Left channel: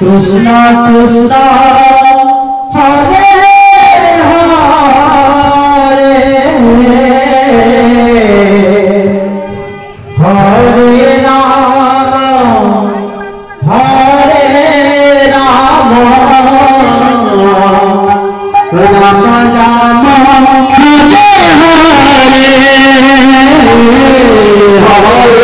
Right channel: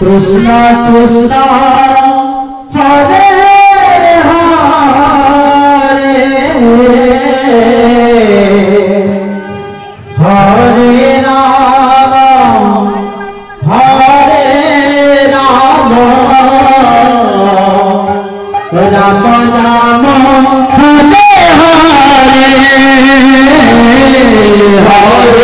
कृष्णा कृष्णा हरे हरे राम राम राम हरे हरे हरे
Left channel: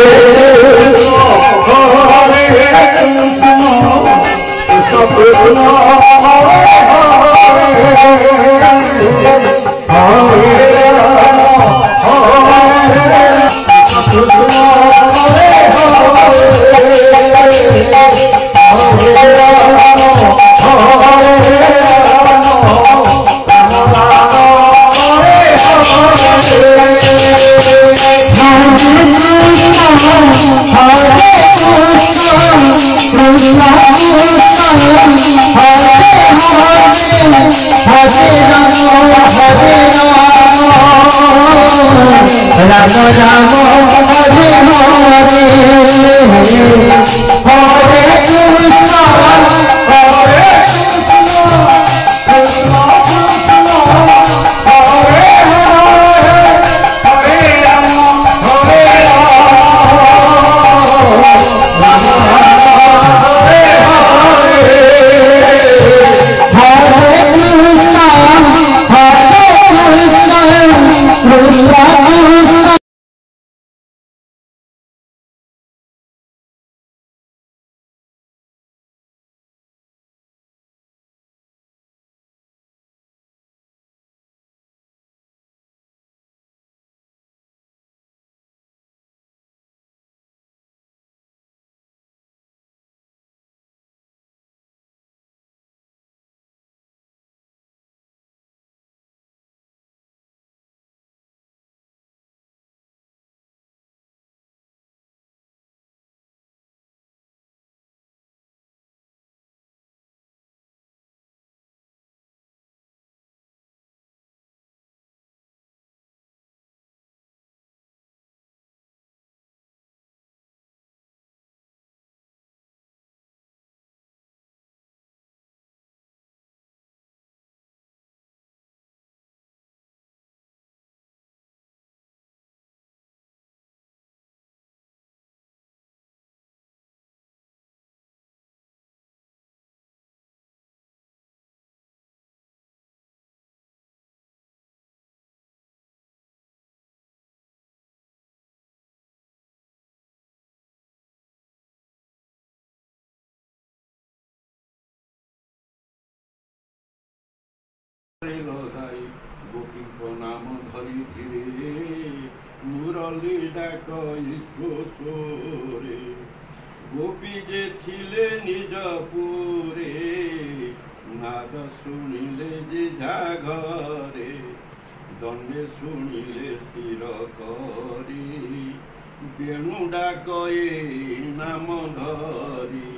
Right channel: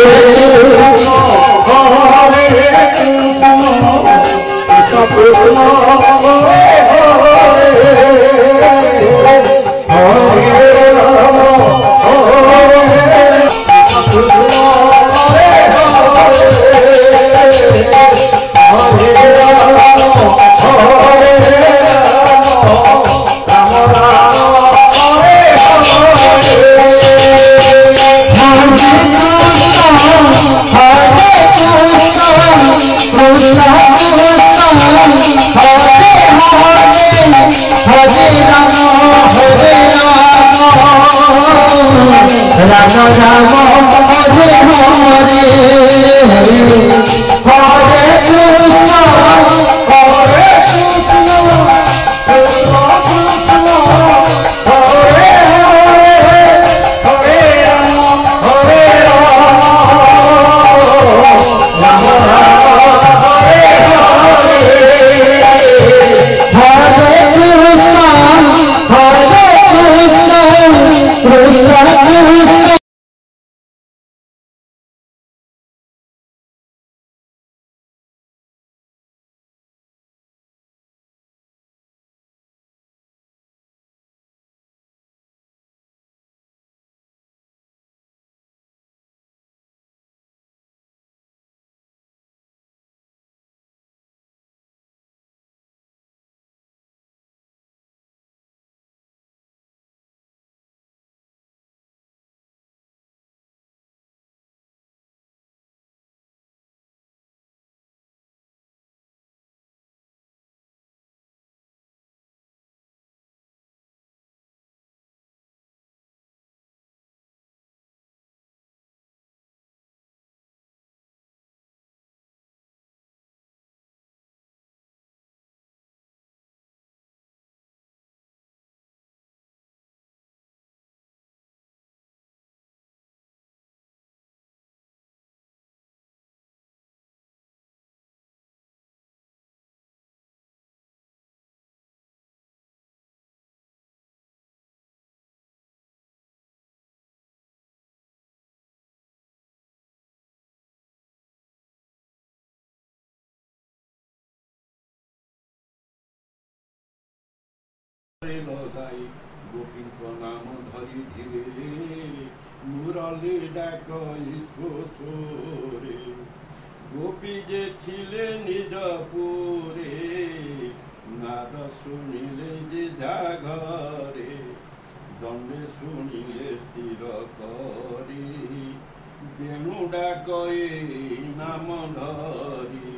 लगाई गोपी को नाम धरी धीरे मुरली डाक ईश्वरे गोपी जे थिले निज पुरे नाद शुणिले जे जागरे दंडे शुणिले स्थिर करी बेणु डाक नाम धरी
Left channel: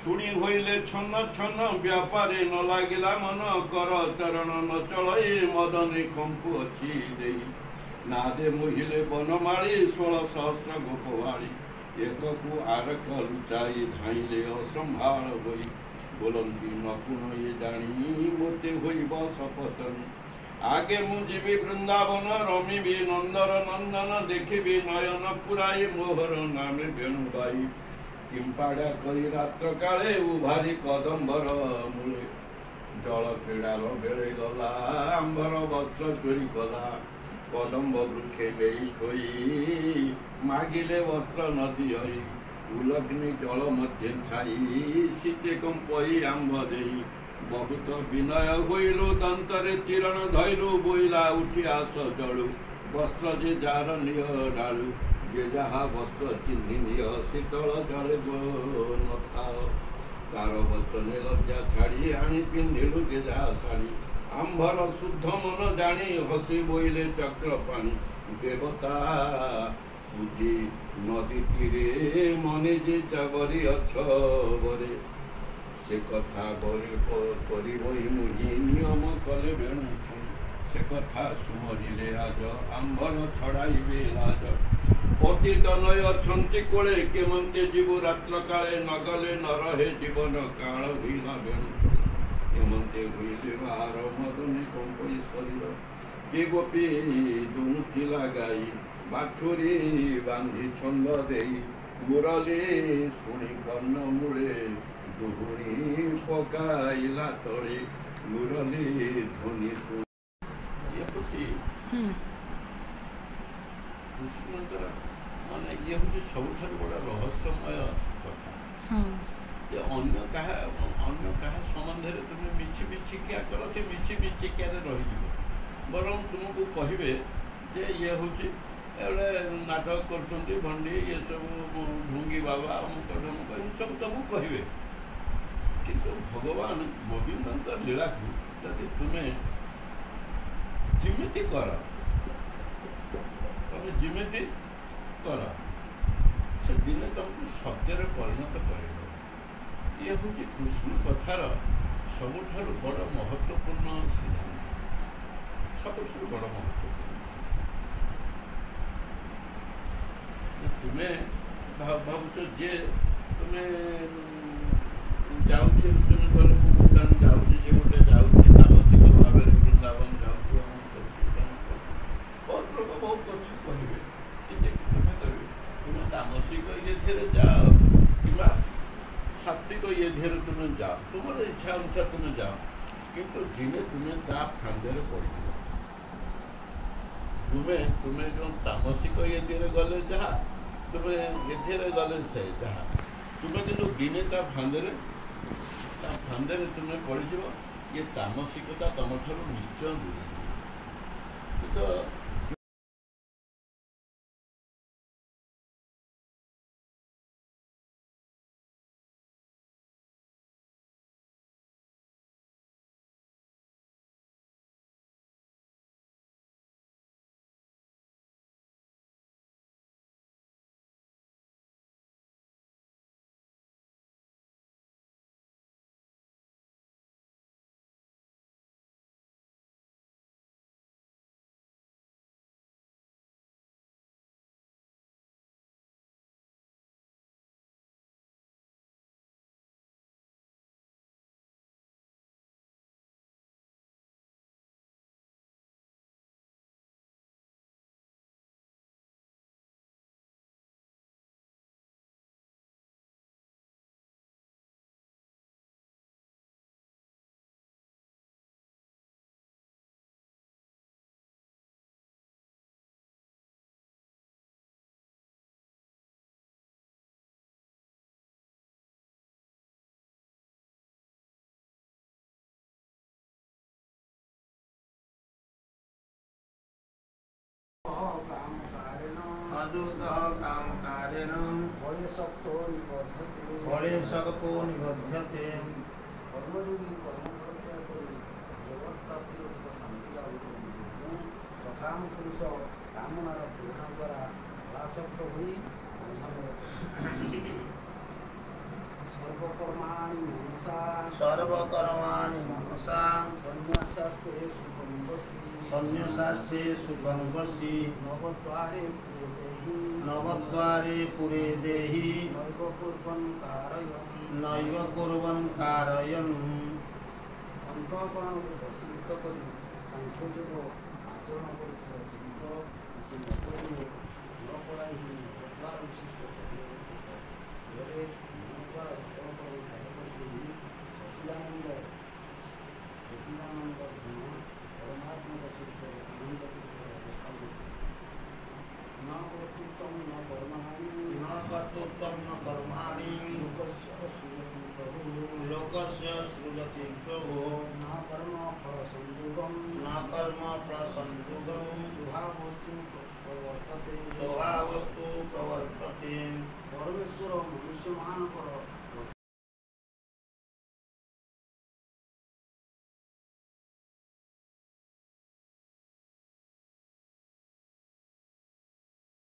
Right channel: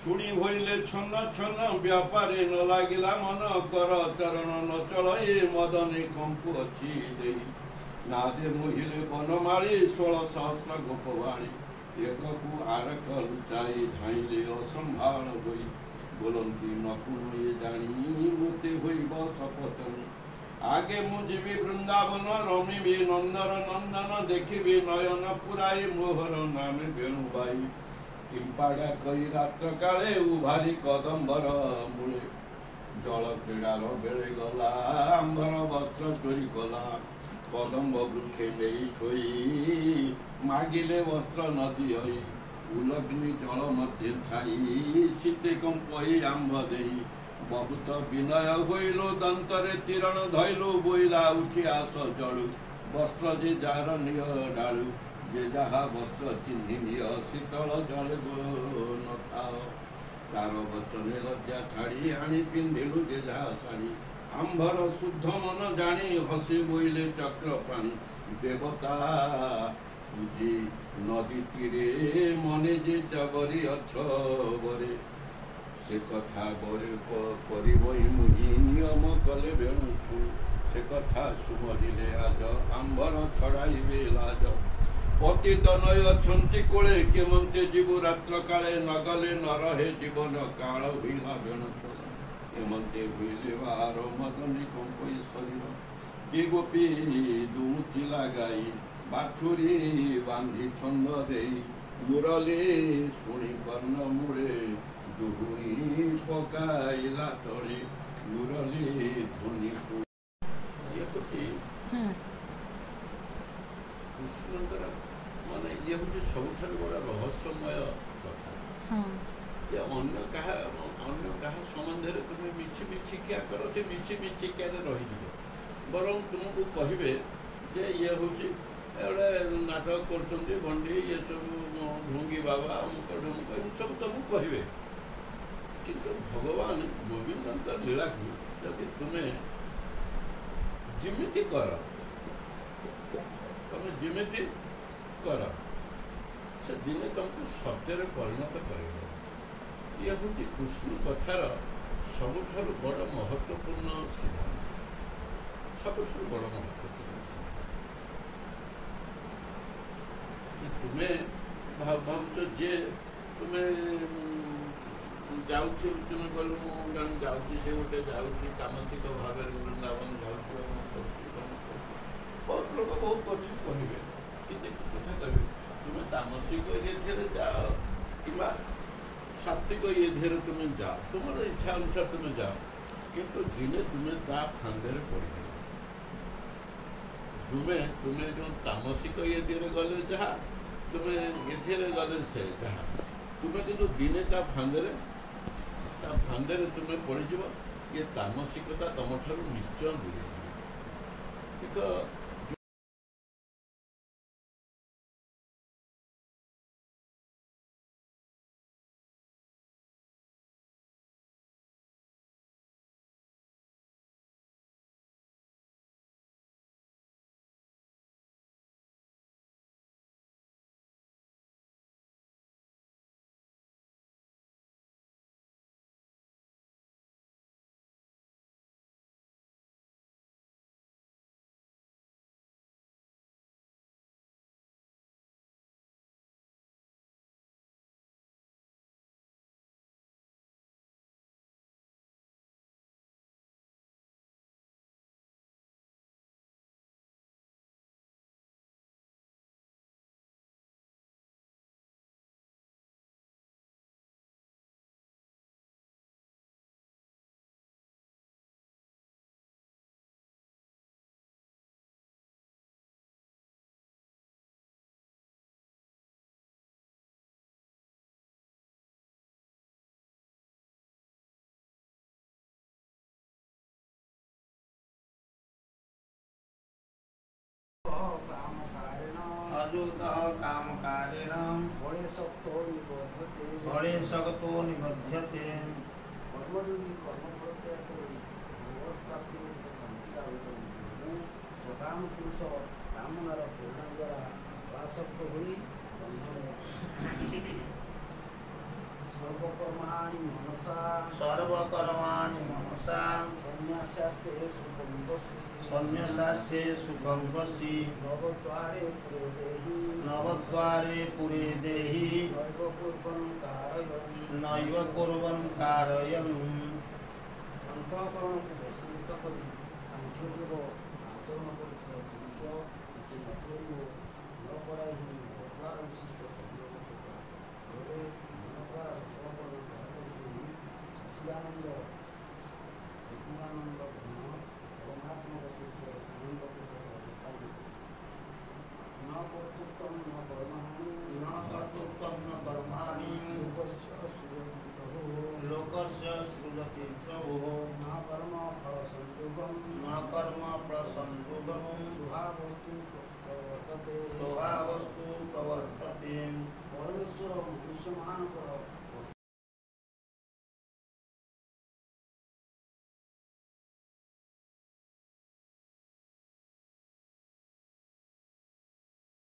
शुणी होइले छन्न छन्न व्यापारे न लागिला मन कर चरण न चलए मदने कंपु अच्छी दे नादे मोहिले बनमाली 16 सहस्र गोपवाणी एक को आरक लुचाई धाइले असंभाल होई बोलंती नकुण ये जानी मोते होइब शपथन आगे मु जीवी वृंदावन रमिबी नंदर नंदन देखिबी नयन पुराई मोहर नामे वेणुबाई किंपाड़ा कई रात्र काले उभारी कदम्बर मूले जल क्रीड़ार बेले गला आंबर वस्त्र चोरी कला कदम्ब वृक्षे नहीं थोई मागिले वस्त्र नदी हई उलग्नि जल मध्य थाई शीते कंपई आंब देई बहुत विनय होइलु दंतरे तीरण धइलु बोइला उठी आस जड़ु वस्त्र जे जार निय डालु जे जहा वस्त्र चिन्हिनिय शीतल जले न थाओ तार वचने लज्जा छाड़ी आनी पिंधिलु जे जहा शाड़ी आंभर शुद्ध मन जानी हसी बोइले चक्र पानी देवता पूजी नदी तीरे मने जे जबरी अछबरे से कथा करिबई मुहि नियम कले बेणु से कथा सुमरिले आज आंभर छड़ाइबे लाज पतित नय अछंती कोले केमंते जीव रात्र काले नगले न रहे जीवन काल भीना बेणु केमंते हुइले बार मदने कंपई शरीर के गोपी दुथिला गाई बाछुरी बांधी छंद देई मुरली शुणी कर्ण मूले दुहुणी पकाइला तले मुरली ध्वनि कृष्णଙ୍କର ମାନେ ଇଏ ହେଉଛି ସବୁଠାରୁ ବଡ଼ ରହସ୍ୟମୟ କଥା। ଯେ ଅନ୍ୟ କାହା ସମ୍ବନ୍ଧରେ ତୁମେ ମିଛିମିଛିକିଆ କର, ସେ ମିଛିମିଛିକିଆରେ ରହିଯିବ। ବରଂ ତୁମକୁ କହିବେ ଯେ ଇଏ ହେଉଛି ଏଗୁଡ଼େ ନାଟକ କରୁଛନ୍ତି, ଭଣ୍ଡି, ଇଏ ସବୁ ଭୁଙ୍ଗି ବାବା, ଅମୁକ ଢମୁକ, ଏମିତି ସବୁ ତୁମକୁ କହିବେ। କିନ୍ତୁ ଭଗବାନ ଗୋବିନ୍ଦଙ୍କ ଲୀଳାକୁ ଯଦି ତୁମେ ଯେମିତି କର, ତମେ ଯେମିତି କର, ସେ ଦିନେ ତୁମକୁ ସତ୍ୟରେ ପରିଣତ କରିବ। ଇଏ ହେଉଛି କୃଷ୍ଣ କଥାର ସବୁଠାରୁ ବଡ଼ ମହତ୍ତ୍ୱପୂର୍ଣ୍ଣ ସିଦ୍ଧାନ୍ତ, ସବୁଠାରୁ ବଡ଼ ମହତ୍ତ୍ୱପୂର୍ଣ୍ଣ ସିଦ୍ଧାନ୍ତ। ତୁମେ ଭାବୁଛ ଯେ ତୁମେ ଯାଉଛି ଅର୍ଜୁନ କଲେ, ମୁଁ ଜଣେ ଯାଉଛି, ସେ ଗୋଟେ ଯାଉଛି ମାନସିକ ଭାବରେ ବୃନ୍ଦାବନ ଯାଉଛି, ବହୁତ ଲୋକ ବହୁତ କଥା କହିବେ, କିଛି କଥା କହିବେ। ତୁମେ ତାମସିକ ଇଏ ଧିରେ ଯାଅ କିମ୍ବା ସାତ୍ଵିକ ଇଏ ଧିରେ ତୁମେ ଯାଅ, ତୁମର ଇଚ୍ଛା ଅନୁସାରେ ତୁମେ ଯାଅ, କିନ୍ତୁ ଦିନେ ତୁମେ ତା ଫାନ୍ଦରେ ପଡ଼ିଯିବ। ତୁମେ ଯେଉଁ ତାମସିକ ଇଏ ଧିରେ ଗଲେ ଯାହା, ତୁମେ ଏଥିରେ ଗଲେ ସେ ଯାହା, ତୁମେ କିନ୍ତୁ ଦିନେ ତା ଫାନ୍ଦରେ ତୁମେ ପଡ଼ିଯିବ। ଇଏ ତାମସିକତା ତୁମଠାରୁ ନିଶ୍ଚୟ ଦୂରେଇଯିବ। ଏକ कामकारेण फले शक्तो निबध्यते कर्मयोगी कर्मप्रत्यय करी जगत्प्राप्तिर शांति लाभ करते। सकाम पुरुष कामनार प्रेरणा द्वारा पराशक्त हुई सर्वकर्माणि मनसा संन्यासास्ते सुखं वसी नवद्वारे पुरे देहि नैव कुर्वन् कारयन् अंतःकरण को वशीभूत करी सांख्य योग आचरण करथिबा जिनिष କିଛି ମତଲବ ନ କରାଇ ଦ୍ୱାରା ବିଶିଷ୍ଟ ଶରୀରରେ ମନ ଦ୍ୱାରା ସଚିଦାନନ୍ଦ परमात्मा स्वरूप आनंद अवस्था न कर्तृत्वं न कर्माणि लोकस्य सृजति प्रभु न कर्म फल संयोगं स्वभावस्तु प्रवर्तते परमेश्वर मनुष्य मानकर